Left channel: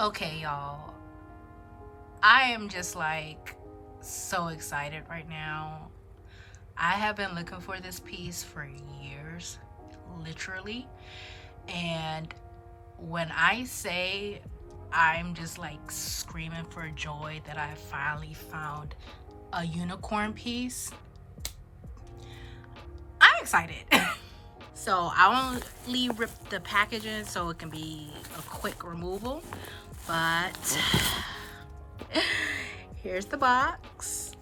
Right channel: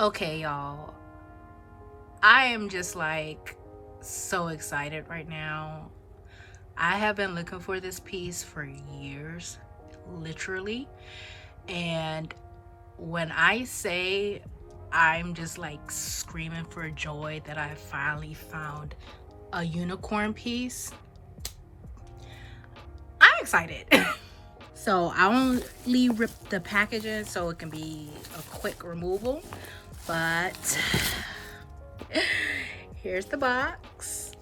Okay, y'all. I am just like so excited right now. I have been looking for this piece for years, literally. And when I say I'm just like screaming for joy that I finally found a unicorn piece, I'm excited. So I only ripped the packages so it can be a quick removal, but here's the box.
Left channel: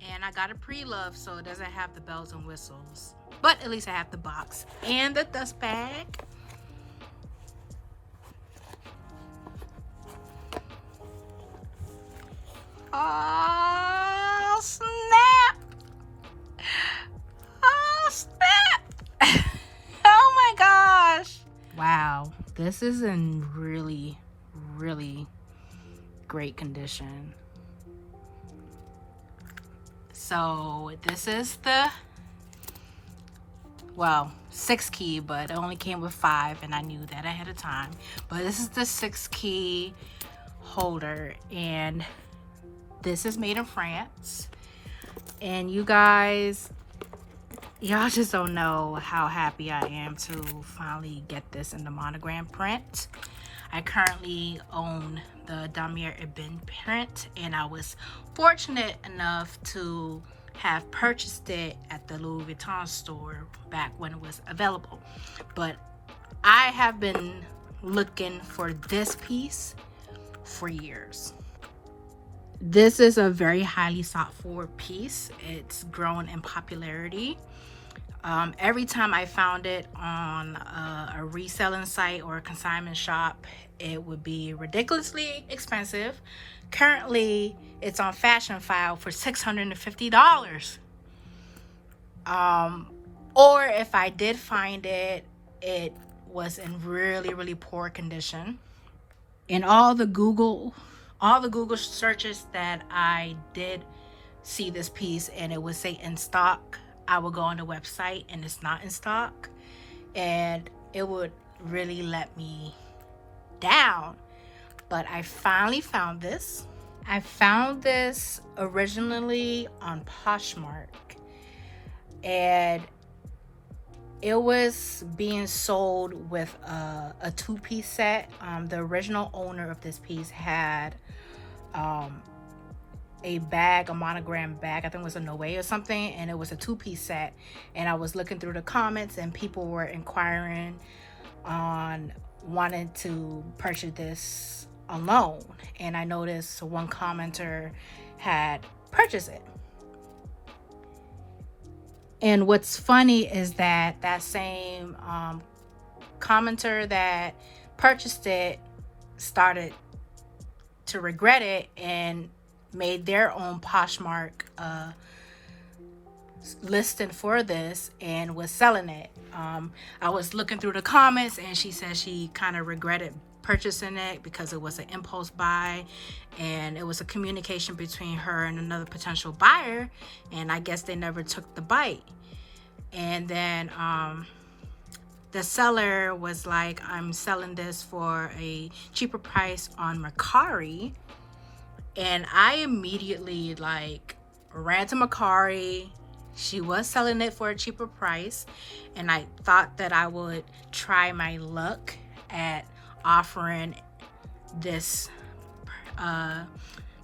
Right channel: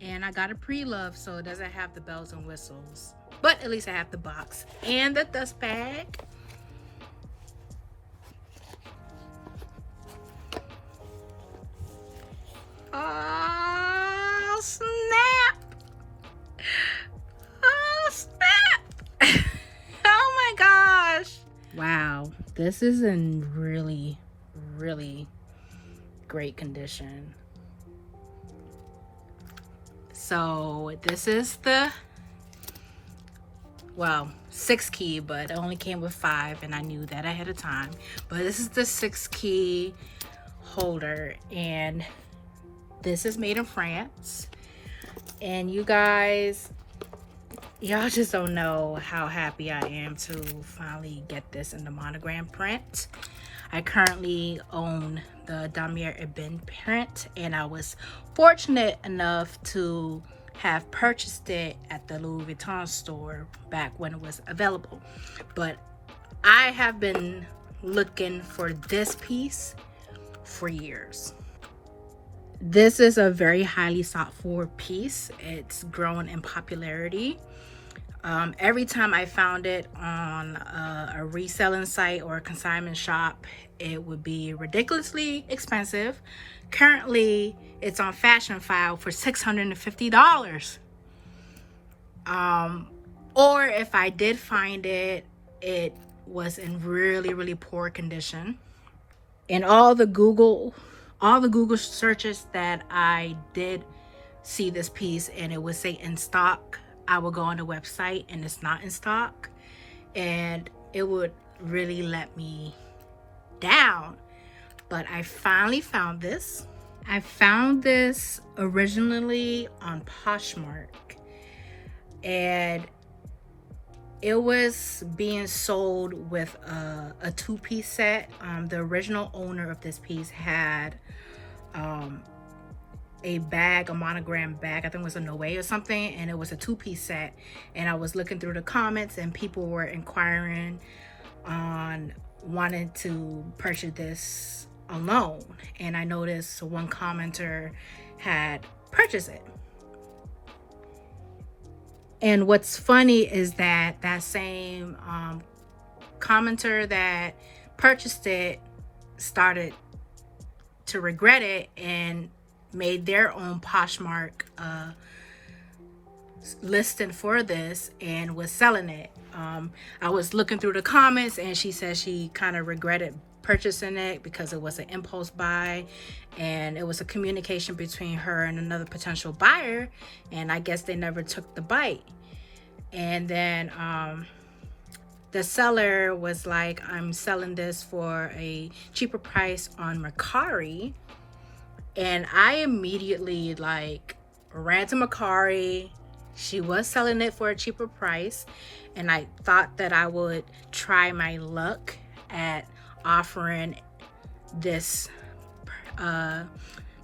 And I got a pre-love, so it doesn't have the bells and whistles, but at least I have the box and the dust bag. Oh snap! Oh snap! Oh my gosh! Wow, this is in really great condition. So this is the, well, 6 key, but it only came with 5 and I knew that ahead of time. But this is the 6 key holder, and this is made in France. And you guys, y'all just don't know how happy I am to finally get this in the monogram print. I currently own the Damier Ebene print, and I was fortunate enough to have purchased it at the Louis Vuitton store back when it was available. But I have been looking for this piece for years. This is a very highly sought for piece. It's grown in popularity. Every time I found it on a reselling site or a consignment shop, it would be ridiculously expensive. Currently, it's on Fashion File for $650. Or if I did find it, it was in really poor condition. And all the Google searches that I did see this piece and it would say in stock, I would go on the website and it's not in stock, and it would really let me down. But I finally found this. I found this originally on Poshmark, and it was being sold with a 2-piece set. The original owner of this piece had a bag, a monogram bag, I think it was a Noe or something, and it was a 2-piece set. And I was looking through the comments and people were inquiring on wanting to purchase this alone, and I noticed one commenter had purchased it. And what's funny is that that same commenter that purchased it started to regret it and made their own Poshmark listing for this and was selling it. I was looking through the comments and she said she kind of regretted purchasing it because it was an impulse buy, and it was a communication between her and another potential buyer, and I guess they never took the bite. And then the seller was like, I'm selling this for a cheaper price on Mercari. And I immediately like ran to Mercari. She was selling it for a cheaper price, and I thought that I would try my luck at offering this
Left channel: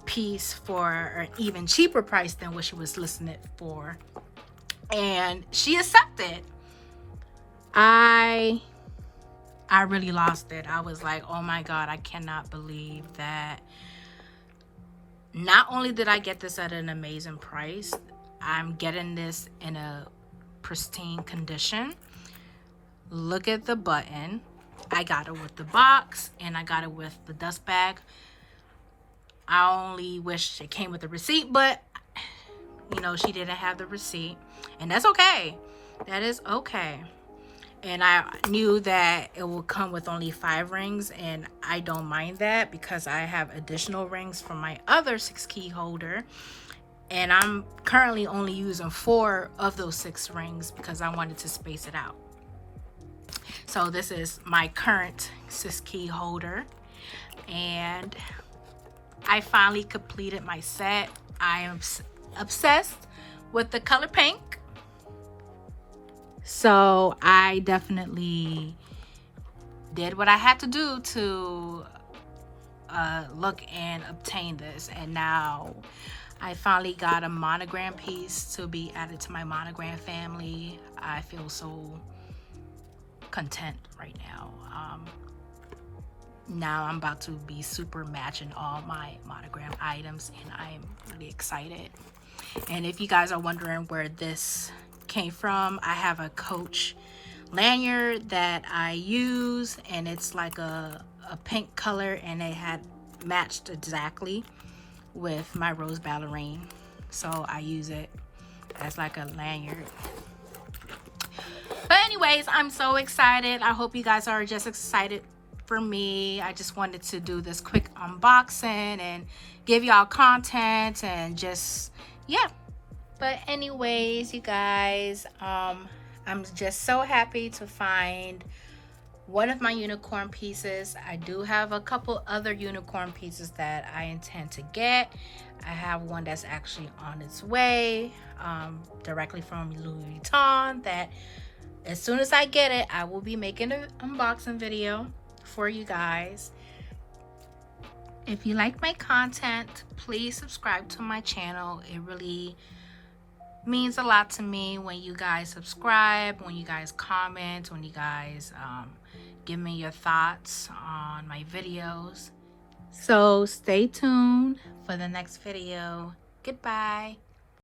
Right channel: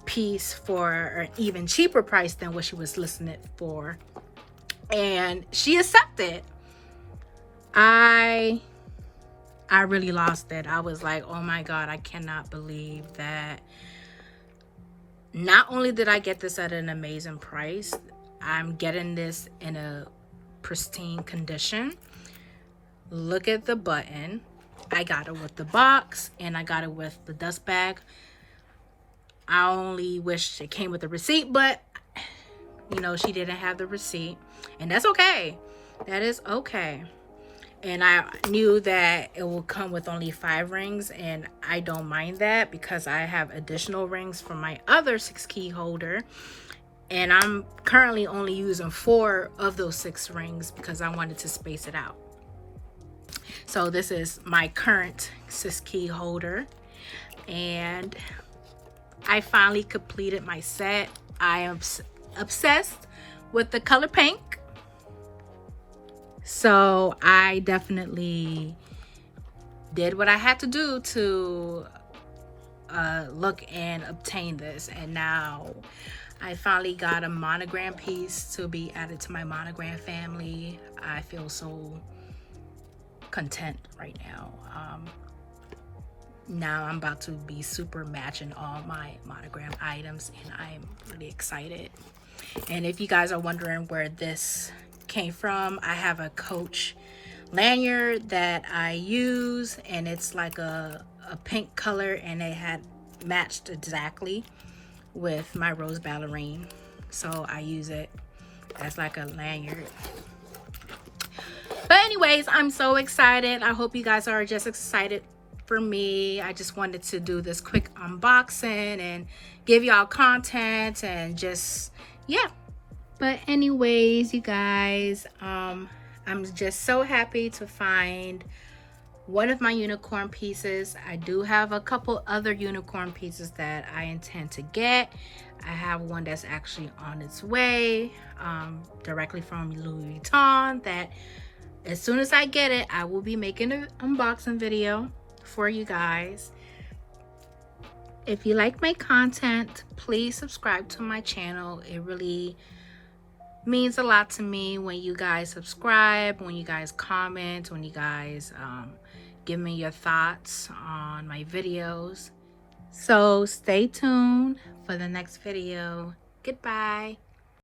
piece for an even cheaper price than what she was listing it for, and she accepted. I really lost it. I was like, oh my god, I cannot believe that not only did I get this at an amazing price, I'm getting this in a pristine condition. Look at the button. I got it with the box and I got it with the dust bag. I only wish it came with a receipt, but you know, she didn't have the receipt, and that's okay. That is okay. And I knew that it will come with only 5 rings, and I don't mind that because I have additional rings from my other 6 key holder, and I'm currently only using 4 of those 6 rings because I wanted to space it out. So this is my current 6 key holder, and I finally completed my set. I am obsessed with the color pink, so I definitely did what I had to do to look and obtain this. And now I finally got a monogram piece to be added to my monogram family. I feel so content right now. Now I'm about to be super matching all my monogram items, and I'm really excited. And if you guys are wondering where this came from, I have a Coach lanyard that I use, and it's like a pink color, and it had matched exactly with my rose ballerine, so I use it as like a lanyard. But anyways, I'm so excited. I hope you guys are just excited for me. I just wanted to do this quick unboxing and give y'all content and just, yeah. But anyways, you guys, I'm just so happy to find one of my unicorn pieces. I do have a couple other unicorn pieces that I intend to get. I have one that's actually on its way, directly from Louis Vuitton, that as soon as I get it, I will be making an unboxing video for you guys. If you like my content, please subscribe to my channel. It really means a lot to me when you guys subscribe, when you guys comment, when you guys give me your thoughts on my videos. So stay tuned for the next video. Goodbye.